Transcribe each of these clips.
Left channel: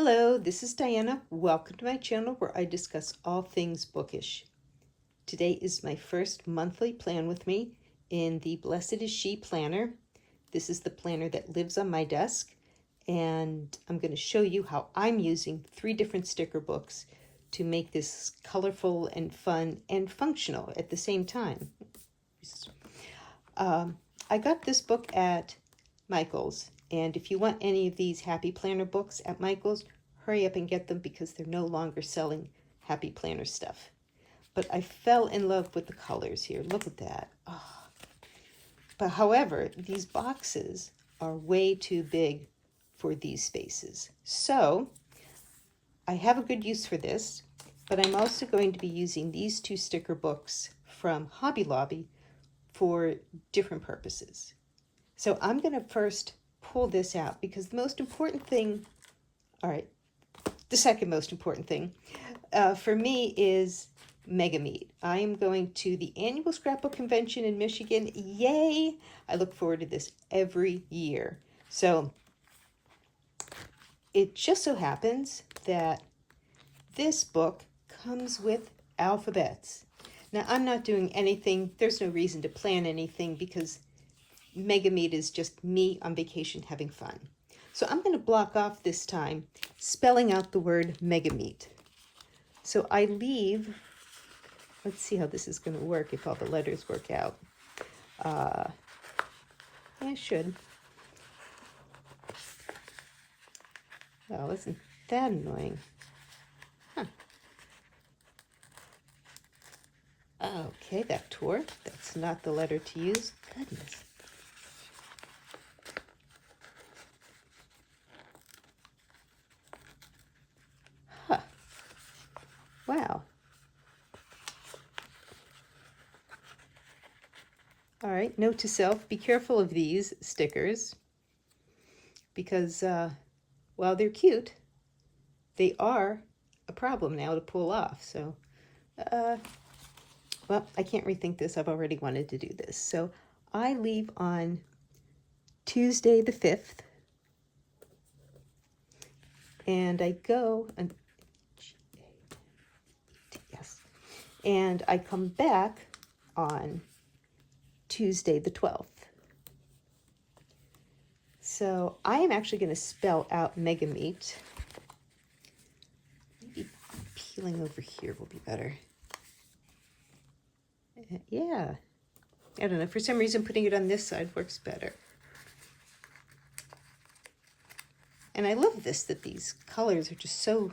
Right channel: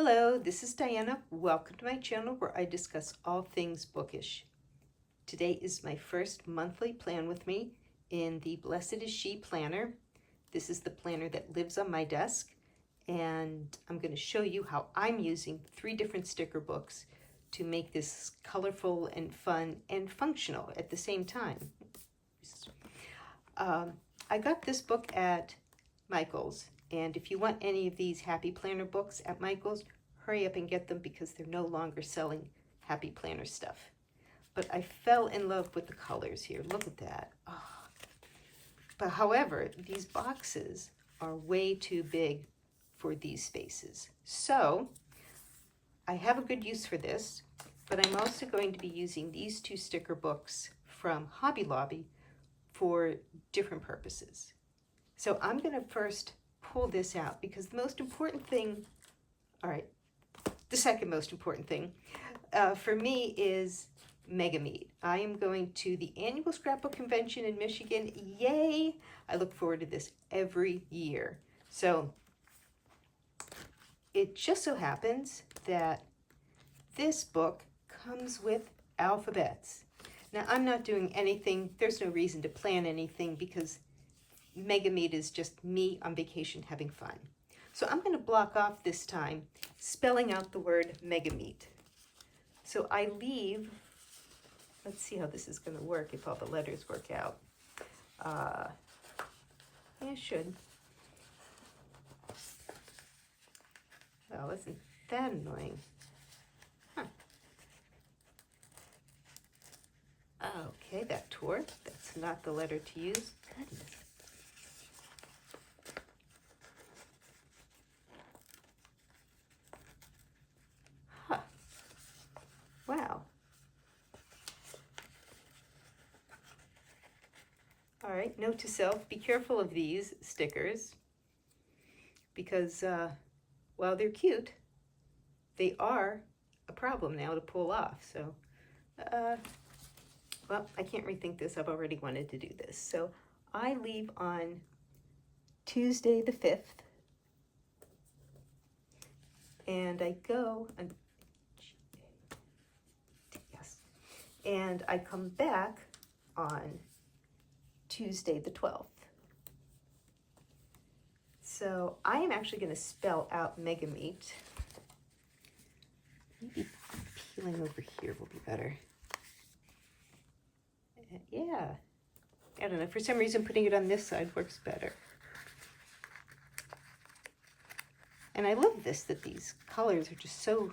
Hello, this is Diana. Welcome to my channel where I discuss all things bookish. Today is my first monthly plan with me in the Blessed is She planner. This is the planner that lives on my desk, and I'm going to show you how I'm using 3 different sticker books to make this colorful and fun and functional at the same time. I got this book at Michael's, and if you want any of these Happy Planner books at Michael's, hurry up and get them because they're no longer selling Happy Planner stuff. But I fell in love with the colors here. Look at that. Oh. But however, these boxes are way too big for these spaces. So I have a good use for this, but I'm also going to be using these 2 sticker books from Hobby Lobby for different purposes. So I'm going to first pull this out because the most important thing, the second most important thing for me is Mega Meet. I am going to the annual scrapbook convention in Michigan. Yay! I look forward to this every year. So it just so happens that this book comes with alphabets. Now, I'm not doing anything. There's no reason to plan anything because Mega Meet is just me on vacation having fun. So I'm going to block off this time spelling out the word Mega Meet. So I leave, let's see how this is going to work if all the letters work out. I should. Well, isn't that annoying? Huh. Okay, that tore. That's not the letter to use. Goodness. Huh. Wow. All right, note to self, be careful of these stickers because while they're cute, they are a problem now to pull off. So, well, I can't rethink this. I've already wanted to do this. So I leave on Tuesday the 5th, and I go, and I come back on Tuesday the 12th. So I am actually going to spell out Mega Meet. Maybe peeling over here will be better. Yeah, I don't know. For some reason, putting it on this side works better. And I love this, that these colors are just so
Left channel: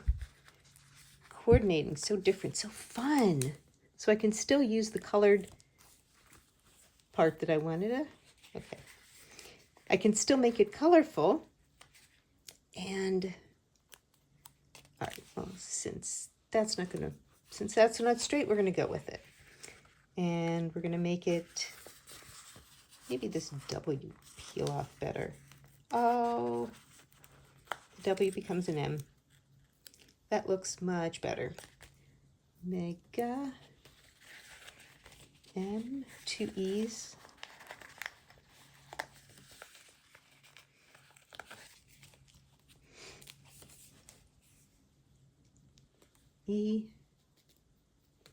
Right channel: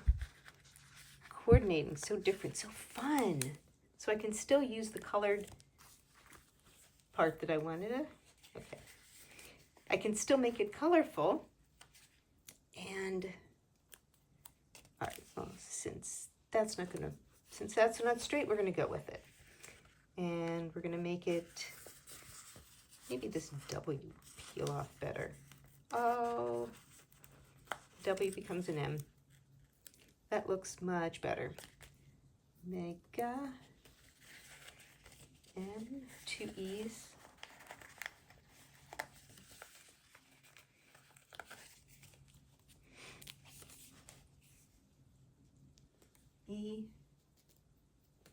coordinating, so different, so fun. So I can still use the colored part that I wanted to. Okay. I can still make it colorful. And, all right, well, since that's not straight, we're going to go with it. And we're going to make it, maybe this W peel off better. Oh, W becomes an M. That looks much better. Mega, N, 2 E's. E,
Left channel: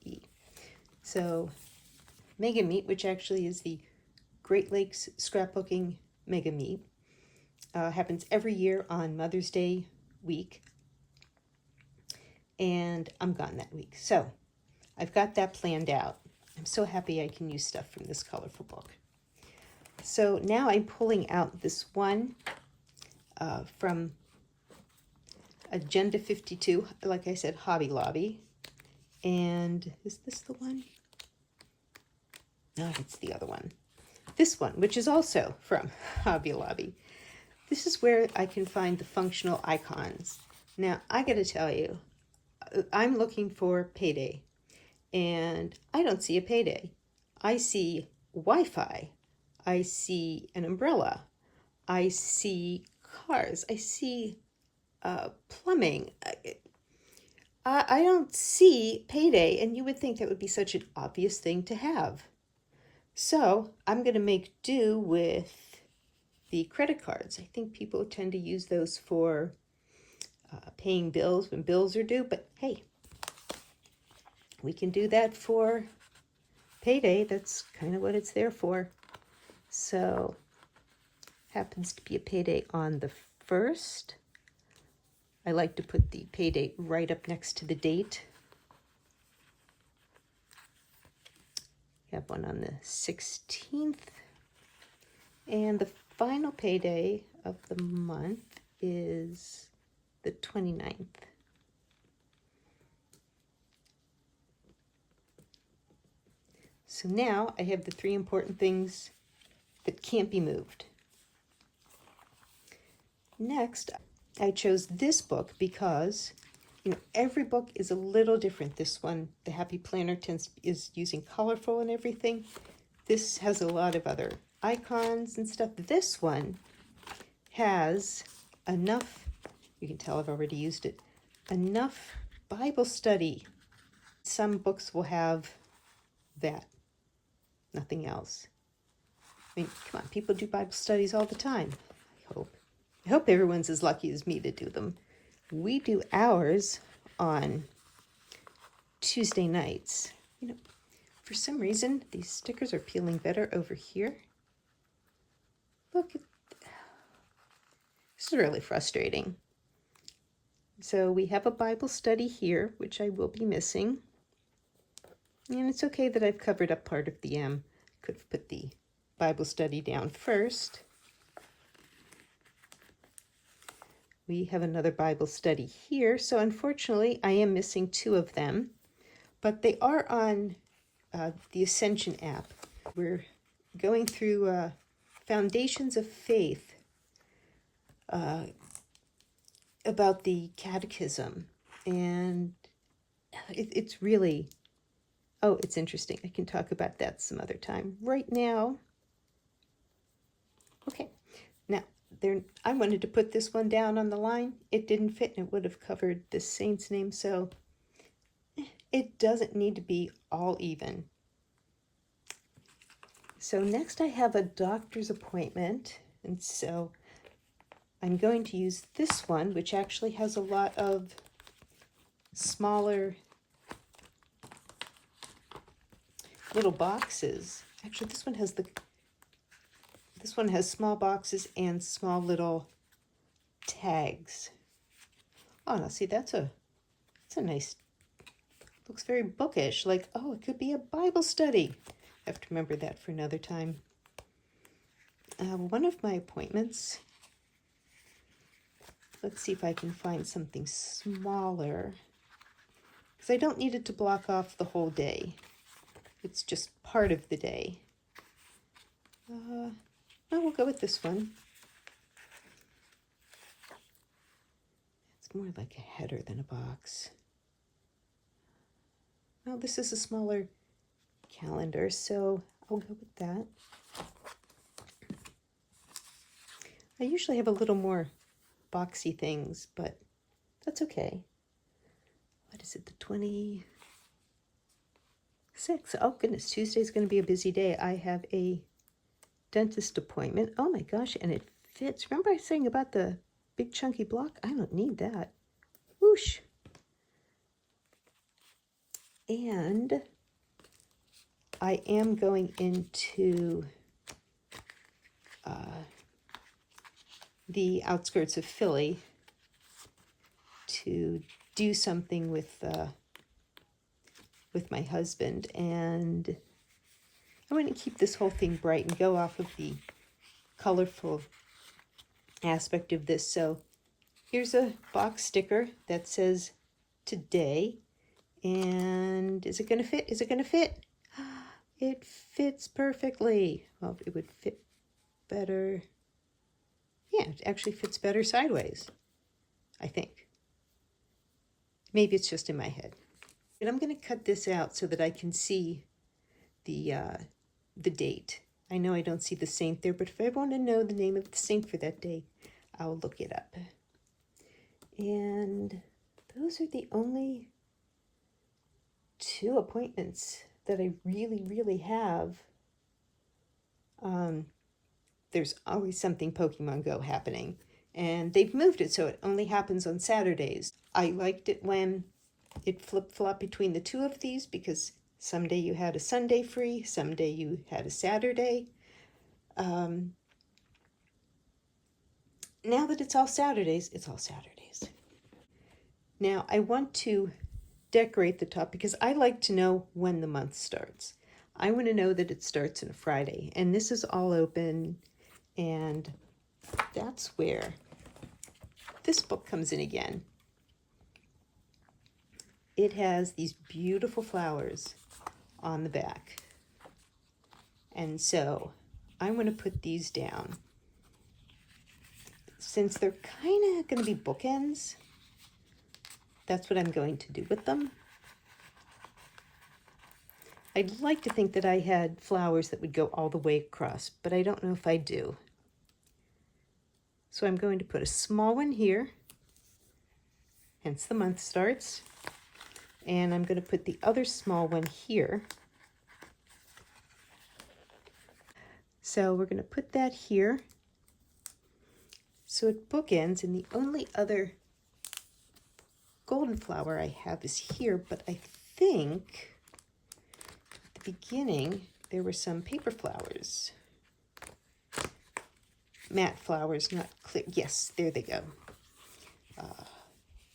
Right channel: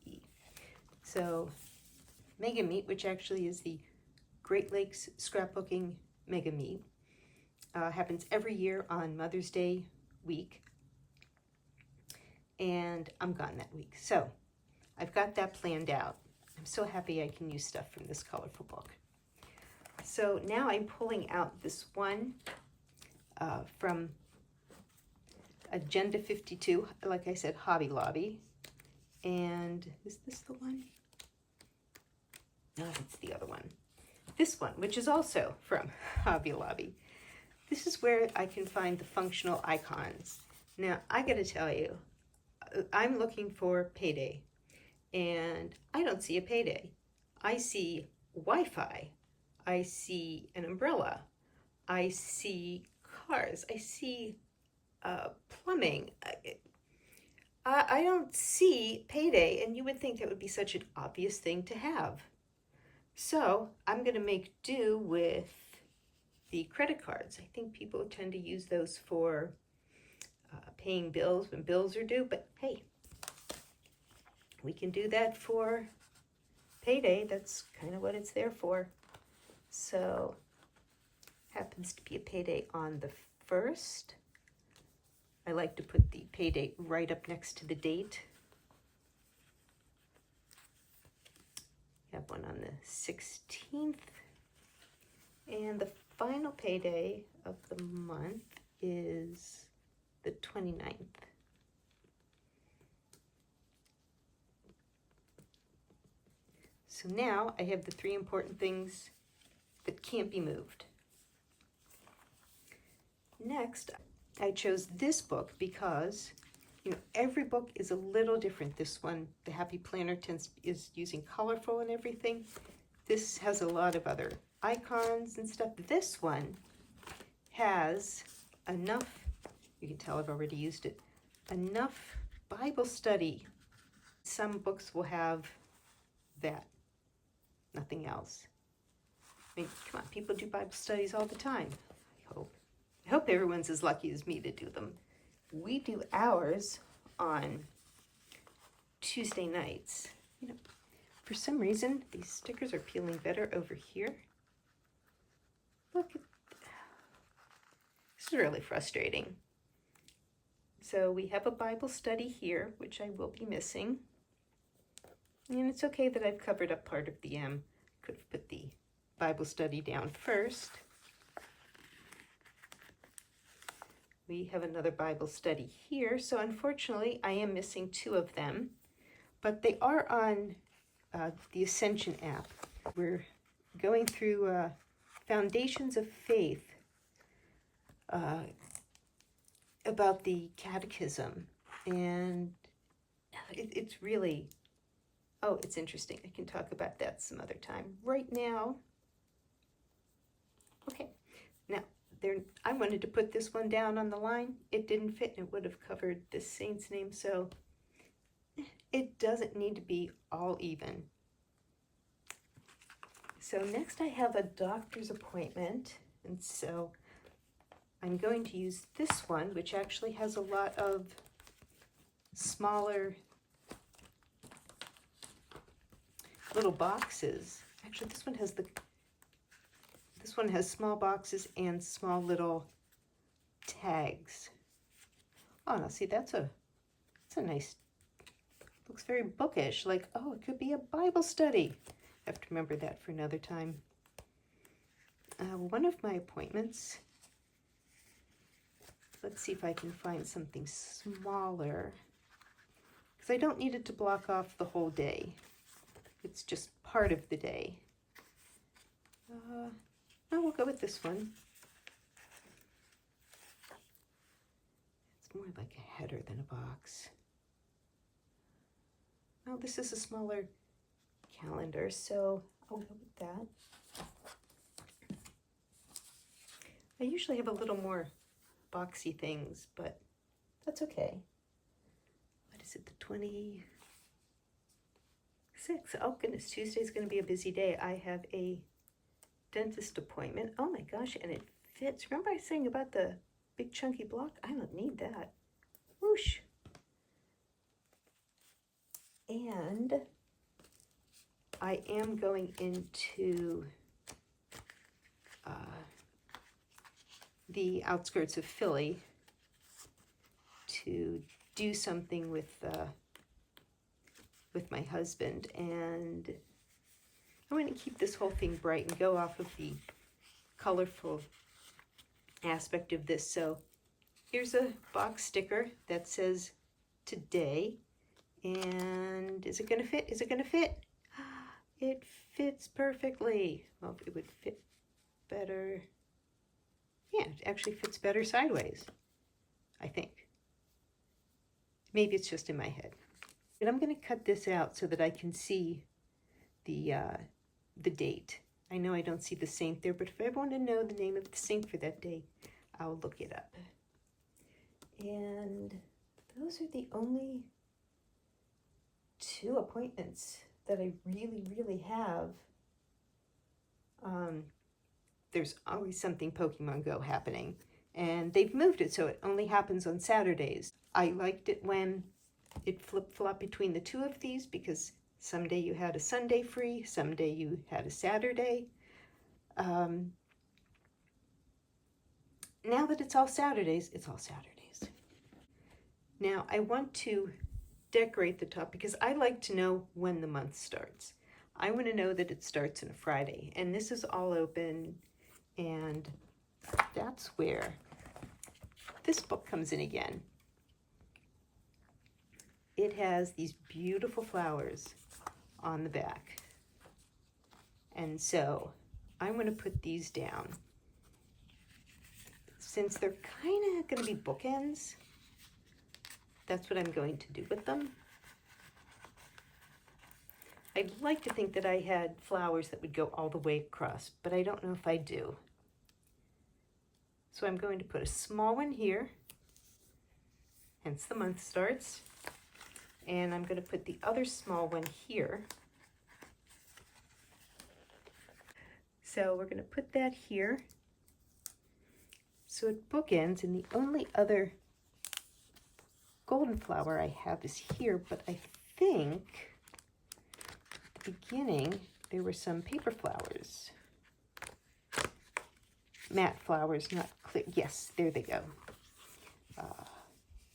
E. So Mega Meet, which actually is the Great Lakes Scrapbooking Mega Meet, happens every year on Mother's Day week, and I'm gone that week. So I've got that planned out. I'm so happy I can use stuff from this colorful book. So now I'm pulling out this one from Agenda 52, like I said, Hobby Lobby. And is this the one? No, it's the other one. This one, which is also from Hobby Lobby. This is where I can find the functional icons. Now, I gotta tell you, I'm looking for payday, and I don't see a payday. I see Wi-Fi. I see an umbrella. I see cars. I see plumbing. I don't see payday, and you would think that would be such an obvious thing to have. So I'm going to make do with the credit cards. I think people tend to use those for paying bills when bills are due, but hey, we can do that for payday. That's kind of what it's there for. So, happens to be a payday on the 1st. I like to put the pay date right up next to the date. We have one on the 16th. And the final payday of the month is the 29th. So now I have the 3 important things that can't be moved. Next, I chose this book because, every book is a little different. This one, the Happy Planner, is using colorful and everything. This has a lot of other icons and stuff. This one has enough, you can tell I've already used it, enough Bible study. Some books will have that, nothing else. I mean, come on, people do Bible studies all the time, I hope. I hope everyone's as lucky as me to do them. We do ours on Tuesday nights. For some reason, these stickers are peeling better over here. Look, this is really frustrating. So we have a Bible study here, which I will be missing. And it's okay that I've covered up part of the M. Could have put the Bible study down first. We have another Bible study here, so unfortunately I am missing 2 of them, but they are on the Ascension app. We're going through Foundations of Faith about the Catechism, and it's really, it's interesting. I can talk about that some other time. Right now, okay, now, I wanted to put this one down on the line. It didn't fit, and it would have covered the saint's name, so it doesn't need to be all even. So next I have a doctor's appointment, and so I'm going to use this one, which actually has a lot of smaller little boxes. Actually, this one has small boxes and small little tags. Oh, now see, that's a nice, looks very bookish, like, oh, it could be a Bible study. I have to remember that for another time. One of my appointments, let's see if I can find something smaller, because I don't need it to block off the whole day. It's just part of the day. We'll go with this one. It's more like a header than a box. Well, this is a smaller calendar, so I'll go with that. I usually have a little more boxy things, but that's okay. What is it, the 26th? Oh goodness, Tuesday's going to be a busy day. I have a dentist appointment. Oh my gosh, and it fits. Remember I was saying about the big chunky block? I don't need that. Whoosh. And I am going into the outskirts of Philly to do something with my husband, and I want to keep this whole thing bright and go off of the colorful aspect of this. So here's a box sticker that says today, and is it going to fit? Is it going to fit? It fits perfectly. Well, it would fit better. Yeah, it actually fits better sideways, I think. Maybe it's just in my head. And I'm going to cut this out so that I can see the date. I know I don't see the saint there, but if I want to know the name of the saint for that day, I'll look it up. And those are the only 2 appointments that I really have. There's always something Pokemon Go happening. And they've moved it so it only happens on Saturdays. I liked it when it flip-flopped between the two of these because someday you had a Sunday free, someday you had a Saturday. Now that it's all Saturdays, it's all Saturdays. Now I want to decorate the top because I like to know when the month starts. I want to know that it starts on a Friday, and this is all open, and that's where this book comes in again. It has these beautiful flowers on the back, and so I'm going to put these down. Since they're kind of going to be bookends, that's what I'm going to do with them. I'd like to think that I had flowers that would go all the way across, but I don't know if I do. So I'm going to put a small one here, hence the month starts, and I'm going to put the other small one here. So we're going to put that here. So it bookends, and the only other golden flower I have is here, but I think at the beginning there were some paper flowers. Matte flowers, not clear. Yes, there they go.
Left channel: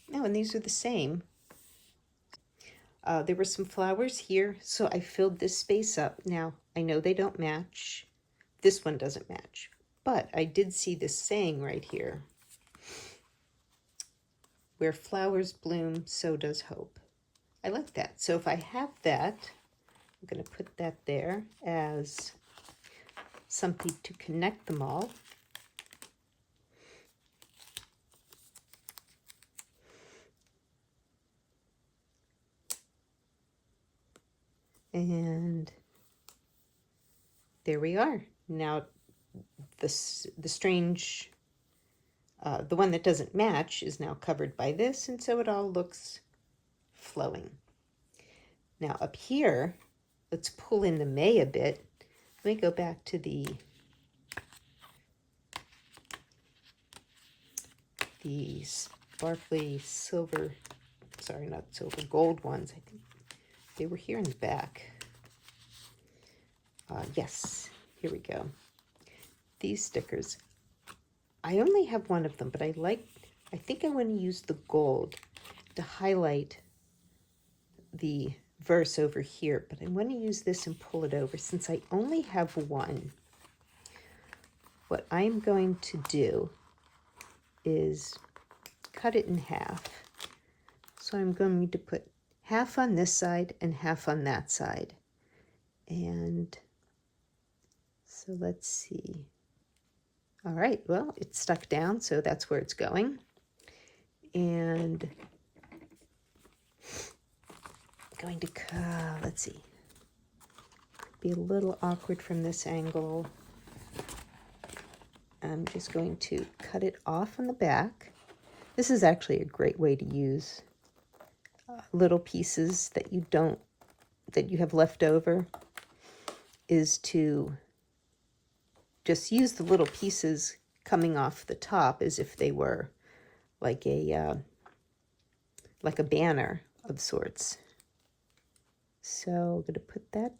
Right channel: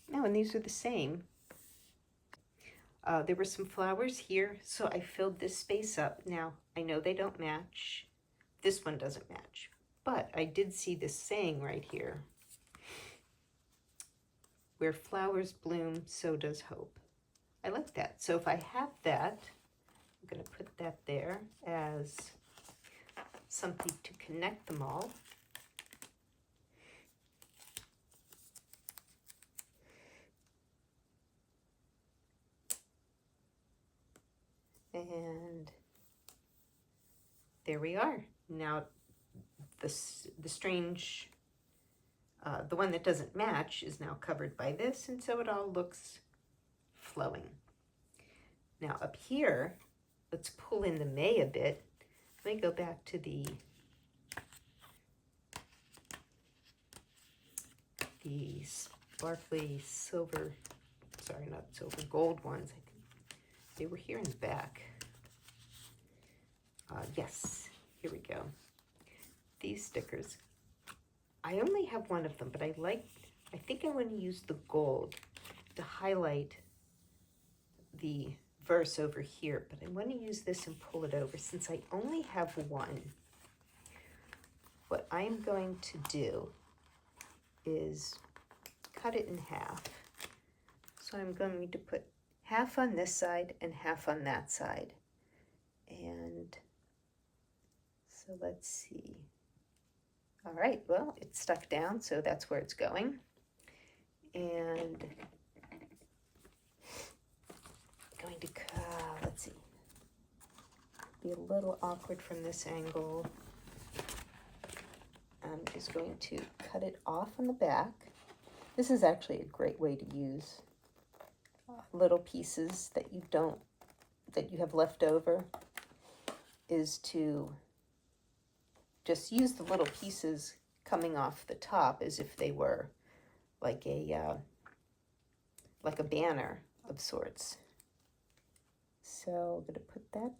No, and these are the same. There were some flowers here, so I filled this space up. Now, I know they don't match. This one doesn't match, but I did see this saying right here. Where flowers bloom, so does hope. I like that. So if I have that, I'm going to put that there as something to connect them all. And there we are. Now, the strange, the one that doesn't match is now covered by this, and so it all looks flowing. Now up here, let's pull in the May a bit. Let me go back to the sparkly silver, sorry, not silver, gold ones. I think they were here in the back. Yes, here we go. These stickers. I only have one of them, but I think I want to use the gold to highlight the verse over here, but I want to use this and pull it over since I only have one. What I'm going to do is cut it in half. So I'm going to put half on this side and half on that side. And so let's see. All right, well, it's stuck down, so that's where it's going. And I'm going to, let's see, be a little awkward from this angle. I'm just going to cut it off on the back. This is actually a great way to use little pieces that you have left over, is to just use the little pieces coming off the top as if they were like a banner of sorts. So I'm going to put that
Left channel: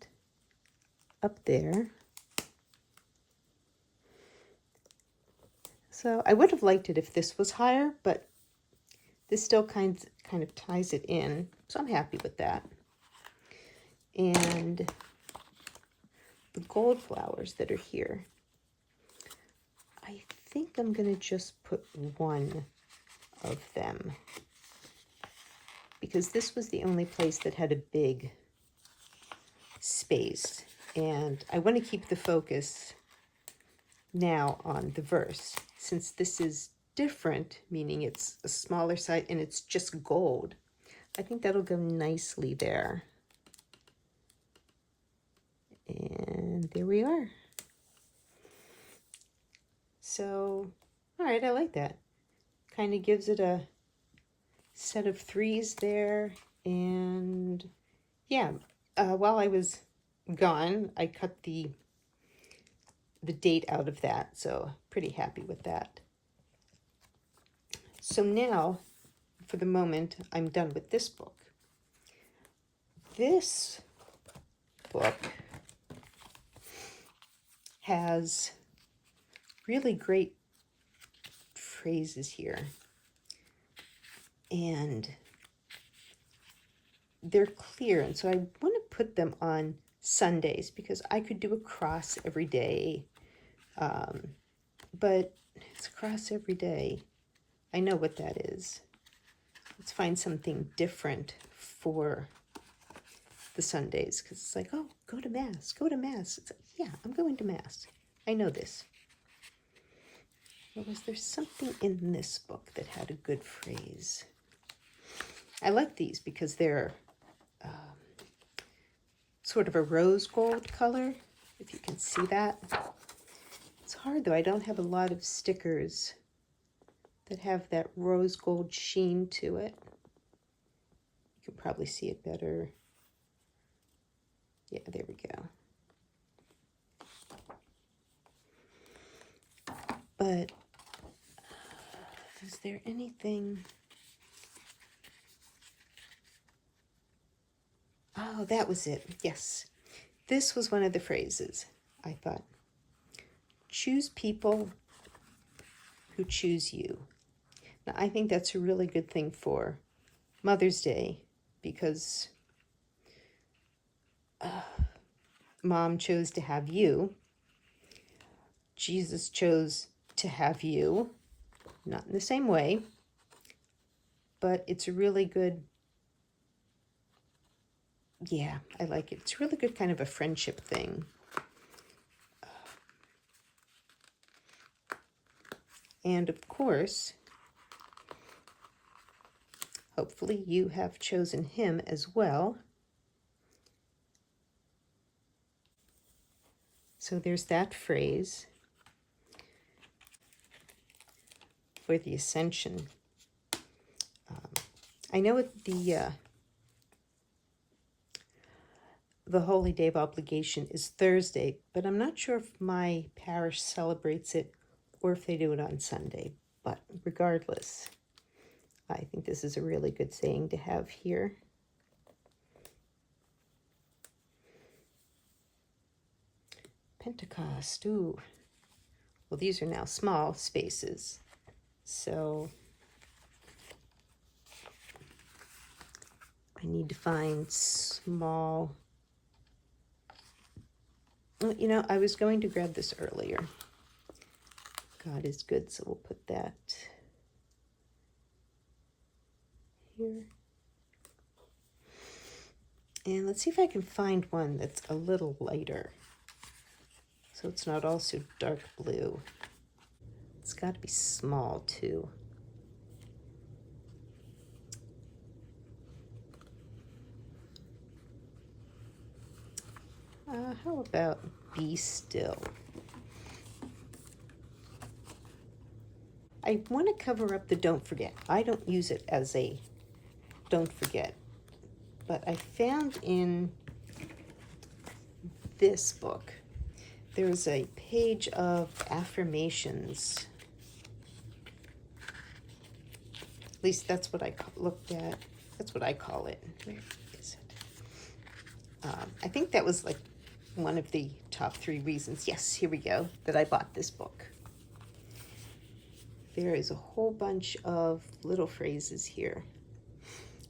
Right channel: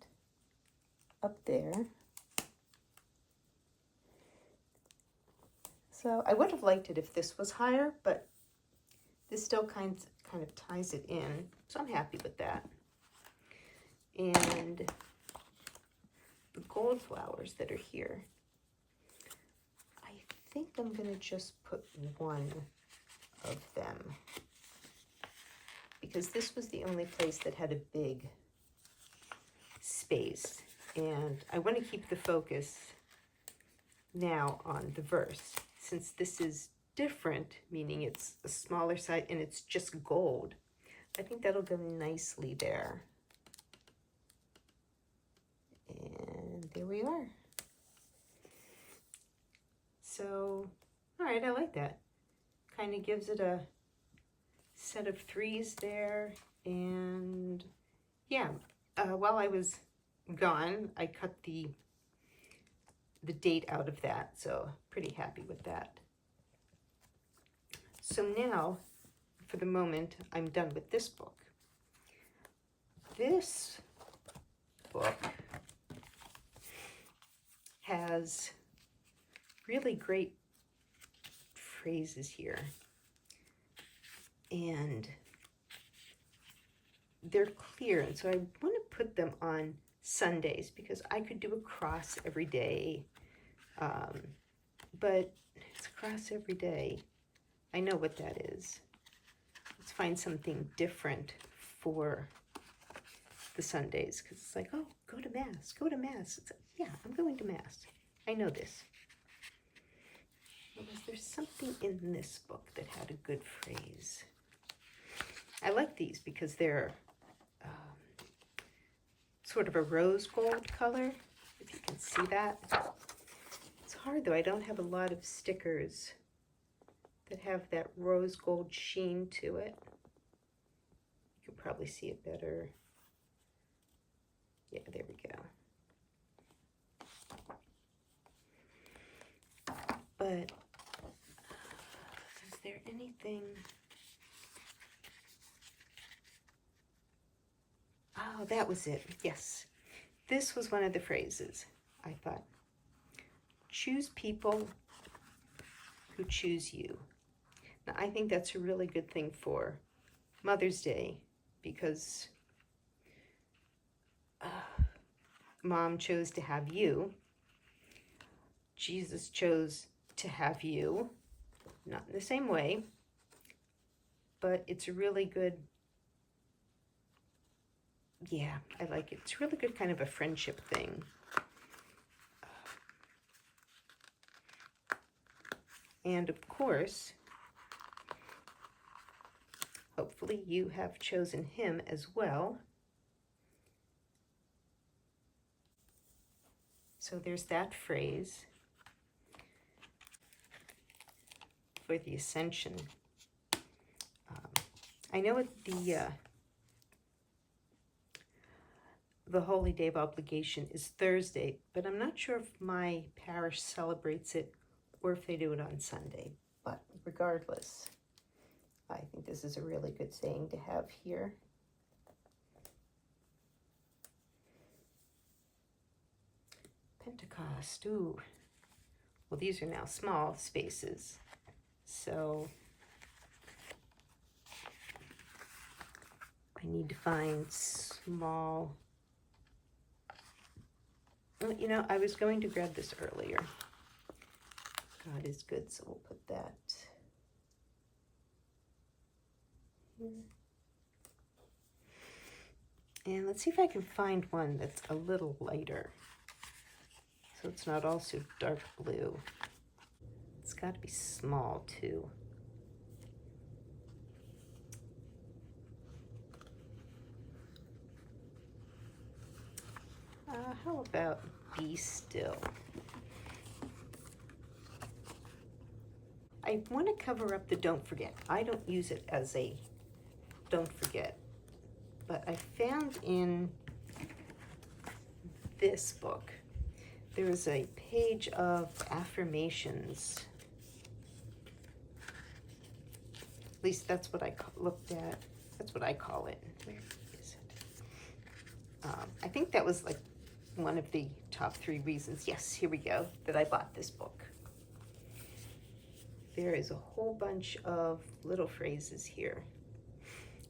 up there. So I would have liked it if this was higher, but this still kind of ties it in, so I'm happy with that. And the gold flowers that are here, I think I'm going to just put one of them because this was the only place that had a big space, and I want to keep the focus now on the verse. Since this is different, meaning it's a smaller side and it's just gold, I think that'll go nicely there. And there we are. So, all right, I like that. Kind of gives it a set of threes there. And yeah, while I was gone, I cut the date out of that, so pretty happy with that. So now, for the moment, I'm done with this book. This book has really great phrases here. And they're clear. And so I want to put them on Sundays because I could do a cross every day. But it's a cross every day. I know what that is. Let's find something different for the Sundays, because it's like, oh, go to Mass, go to Mass. It's like, yeah, I'm going to Mass. I know this. Was there something in this book that had a good phrase? I like these because they're sort of a rose gold color, if you can see that. It's hard though, I don't have a lot of stickers that have that rose gold sheen to it. You can probably see it better. Yeah, there we go. But is there anything? Oh, that was it. Yes. This was one of the phrases. I thought, choose people who choose you. Now, I think that's a really good thing for Mother's Day because Mom chose to have you. Jesus chose to have you. Not in the same way, but it's a really good, yeah, I like it. It's a really good kind of a friendship thing. And of course, hopefully you have chosen him as well. So there's that phrase for the Ascension. I know the Holy Day of Obligation is Thursday, but I'm not sure if my parish celebrates it or if they do it on Sunday. But regardless, I think this is a really good saying to have here. Pentecost, ooh. Well, these are now small spaces, so I need to find small. You know, I was going to grab this earlier. God is good, so we'll put that here. And let's see if I can find one that's a little lighter, so it's not also dark blue. It's got to be small too. How about Be Still? I want to cover up the don't forget. I don't use it as a don't forget, but I found in this book, there is a page of affirmations. At least that's what I looked at. That's what I call it. Where is it? I think that was like one of the top 3 reasons. Yes, here we go, that I bought this book. There is a whole bunch of little phrases here.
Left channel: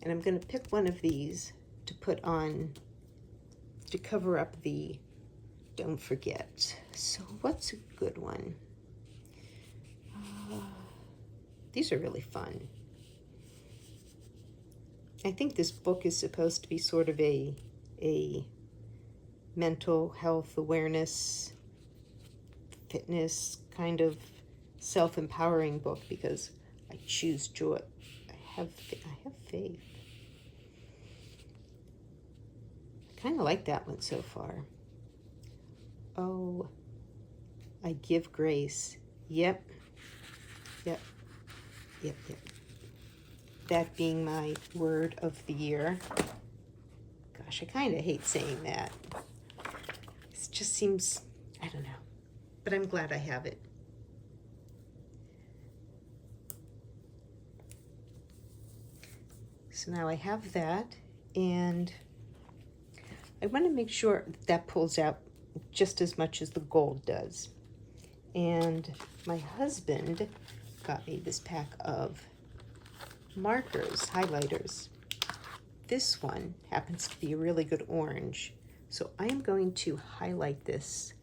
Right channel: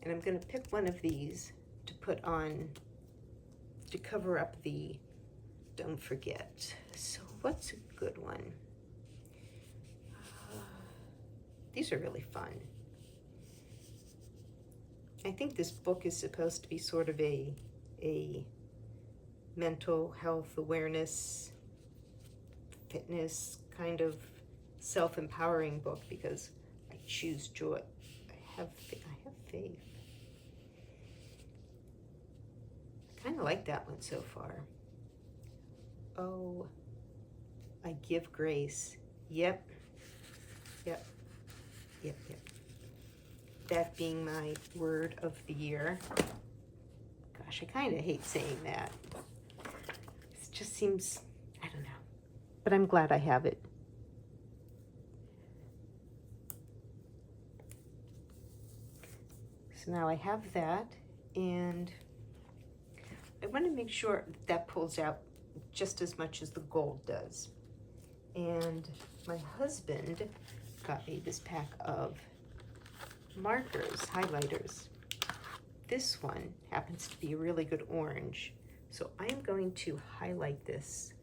And I'm going to pick one of these to put on, to cover up the don't forget. So what's a good one? These are really fun. I think this book is supposed to be sort of a mental health awareness, fitness kind of self-empowering book because I choose joy. I have faith. Kind of like that one so far. Oh, I give grace. Yep. That being my word of the year. Gosh, I kind of hate saying that. It just seems, I don't know. But I'm glad I have it. So now I have that, and I want to make sure that pulls out just as much as the gold does. And my husband got me this pack of markers, highlighters. This one happens to be a really good orange. So I am going to highlight this.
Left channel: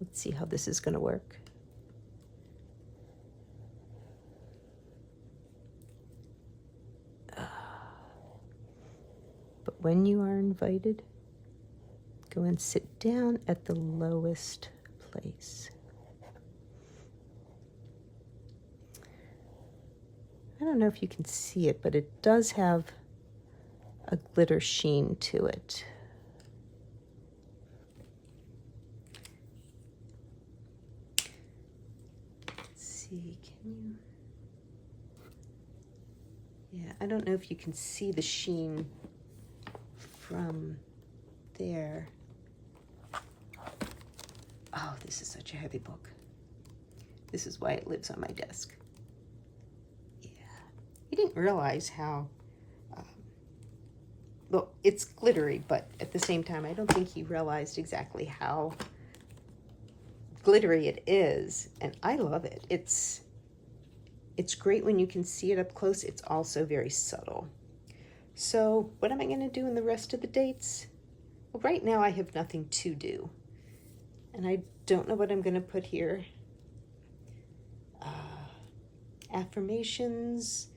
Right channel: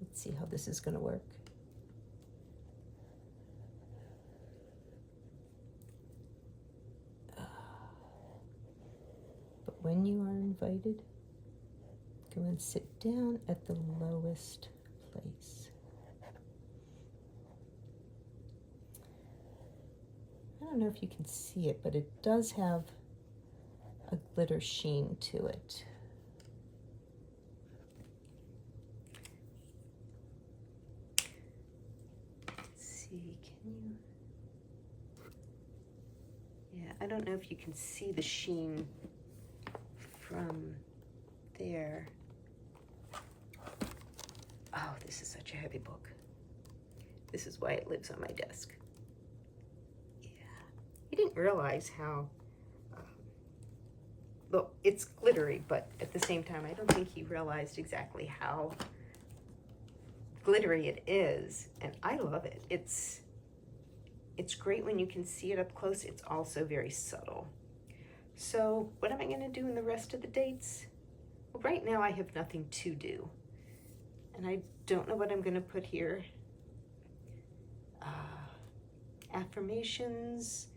Let's see how this is going to work. But when you are invited, go and sit down at the lowest place. I don't know if you can see it, but it does have a glitter sheen to it. Let's see, can you? Yeah, I don't know if you can see the sheen from there. Oh, this is such a heavy book. This is why it lives on my desk. Yeah, I didn't realize how, well, it's glittery, but at the same time, I don't think he realized exactly how glittery it is, and I love it. It's great when you can see it up close. It's also very subtle. So what am I going to do in the rest of the dates? Well, right now I have nothing to do, and I don't know what I'm going to put here. Affirmations,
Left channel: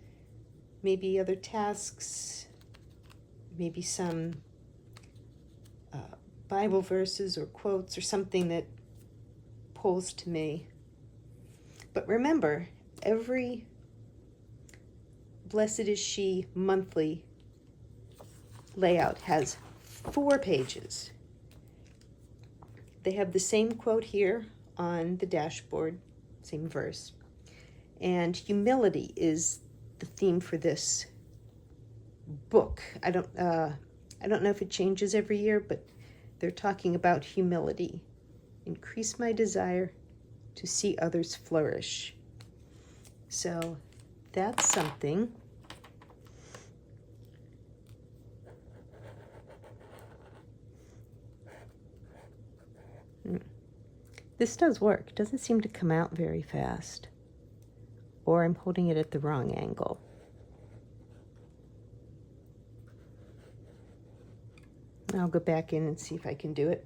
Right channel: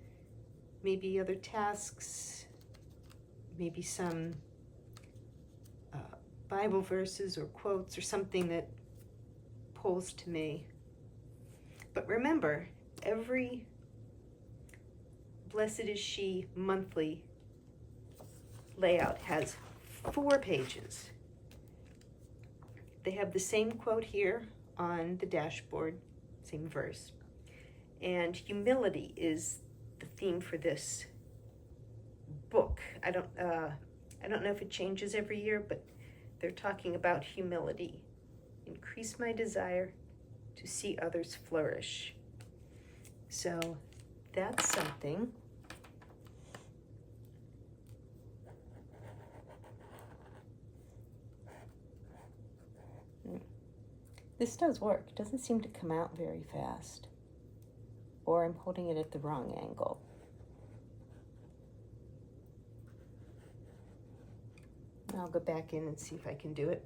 maybe other tasks, maybe some Bible verses or quotes or something that pulls to me. But remember, every Blessed is She monthly layout has 4 pages. They have the same quote here on the dashboard, same verse. And humility is the theme for this book. I don't know if it changes every year, but they're talking about humility. Increase my desire to see others flourish. So that's something. This does work. It doesn't seem to come out very fast. Or I'm holding it at the wrong angle. I'll go back in and see if I can do it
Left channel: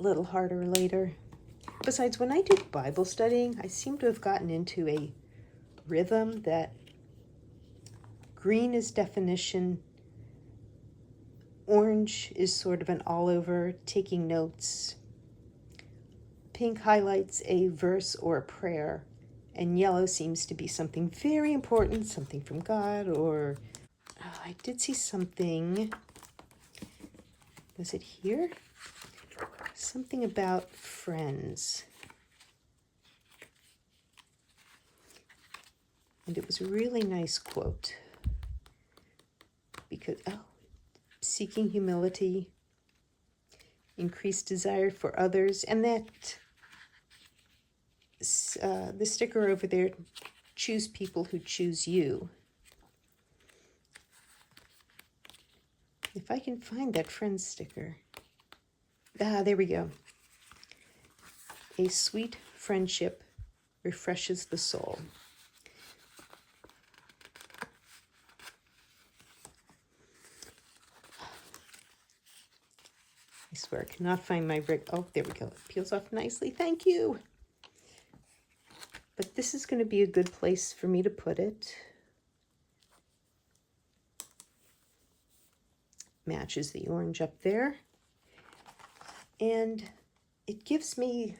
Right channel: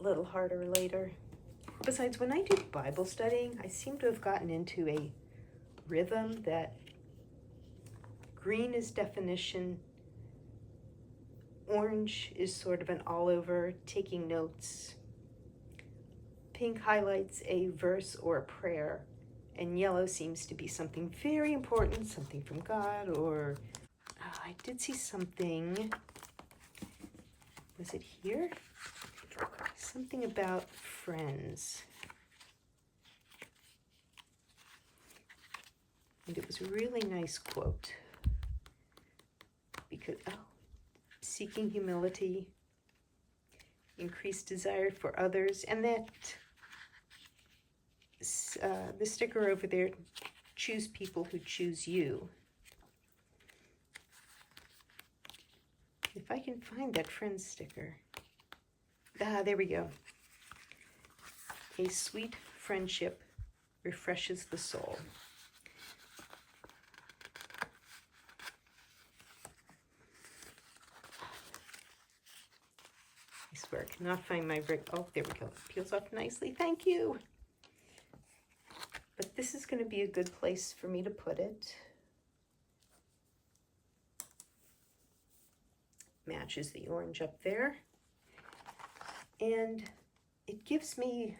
a little harder later. Besides, when I do Bible studying, I seem to have gotten into a rhythm that green is definition, orange is sort of an all over, taking notes, pink highlights a verse or a prayer, and yellow seems to be something very important, something from God, or I did see something, was it here? Something about friends. And it was a really nice quote. Because, seeking humility, increased desire for others, and that the sticker over there, choose people who choose you. If I can find that friends sticker. There we go. A sweet friendship refreshes the soul. I swear I cannot find my rig. Oh, there we go. It peels off nicely. Thank you. But this is going to be a good place for me to put it. Matches the orange up there. And it gives me,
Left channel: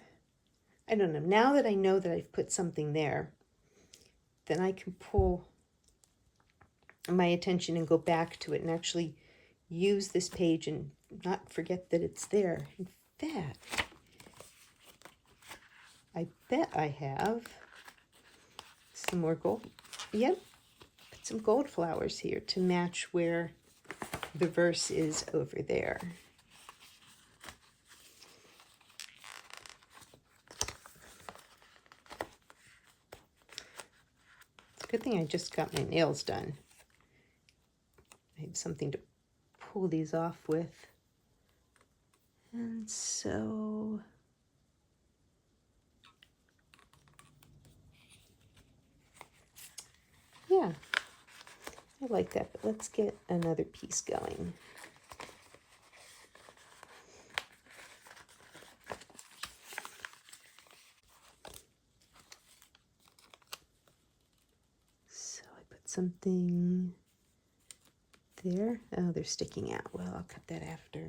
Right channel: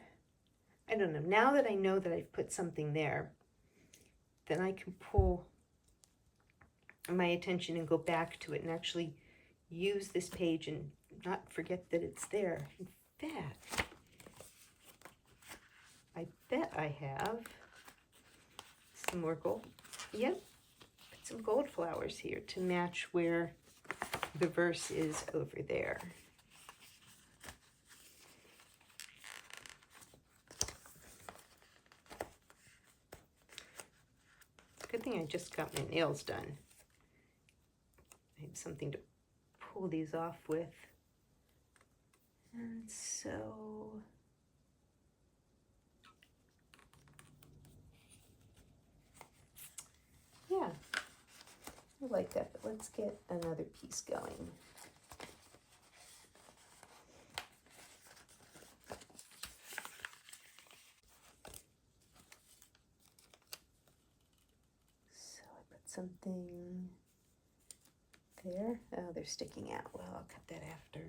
I don't know, now that I know that I've put something there, then I can pull my attention and go back to it and actually use this page and not forget that it's there. In fact, I bet I have some more gold. Yep, put some gold flowers here to match where the verse is over there. It's a good thing I just got my nails done, I have something to pull these off with. And so yeah, I like that, but let's get another piece going. So I put something there. Oh, they're sticking out. Well, I'll cut that after.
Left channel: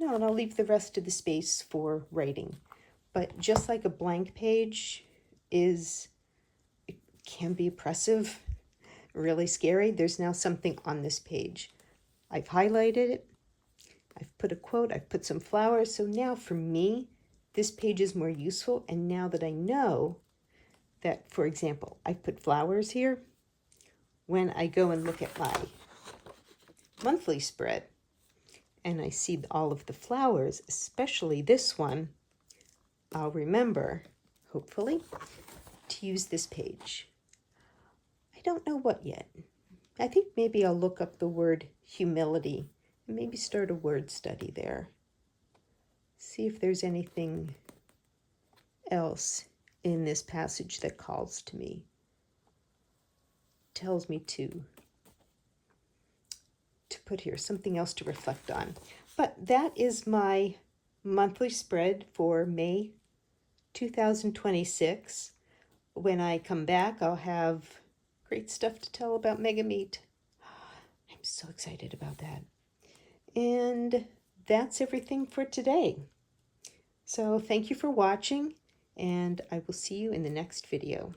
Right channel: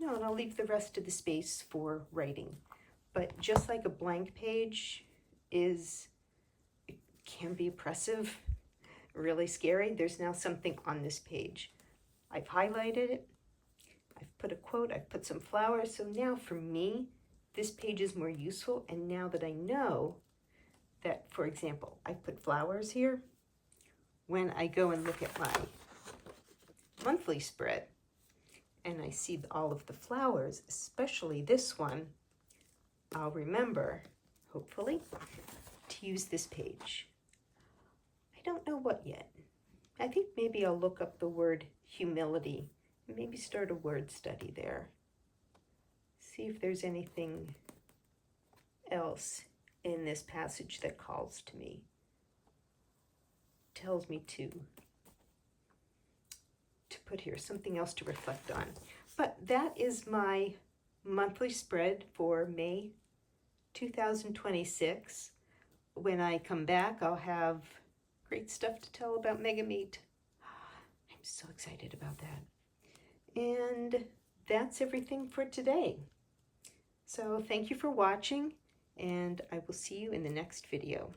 No, and I'll leave the rest of the space for writing. But just like a blank page it can be oppressive, really scary, there's now something on this page. I've highlighted it, I've put a quote, I've put some flowers, so now for me, this page is more useful, and now that I know that, for example, I put flowers here, when I go and look at my monthly spread, and I see all of the flowers, especially this one, I'll remember, hopefully, to use this page. I don't know what yet. I think maybe I'll look up the word humility and maybe start a word study there. See if there's anything else in this passage that calls to me, tells me to put here, something else to reflect on. But that is my monthly spread for May 2026. When I come back, I'll have great stuff to tell about Mega Meet. I'm so excited about that. And that's everything for today. So thank you for watching, and I will see you in the next video.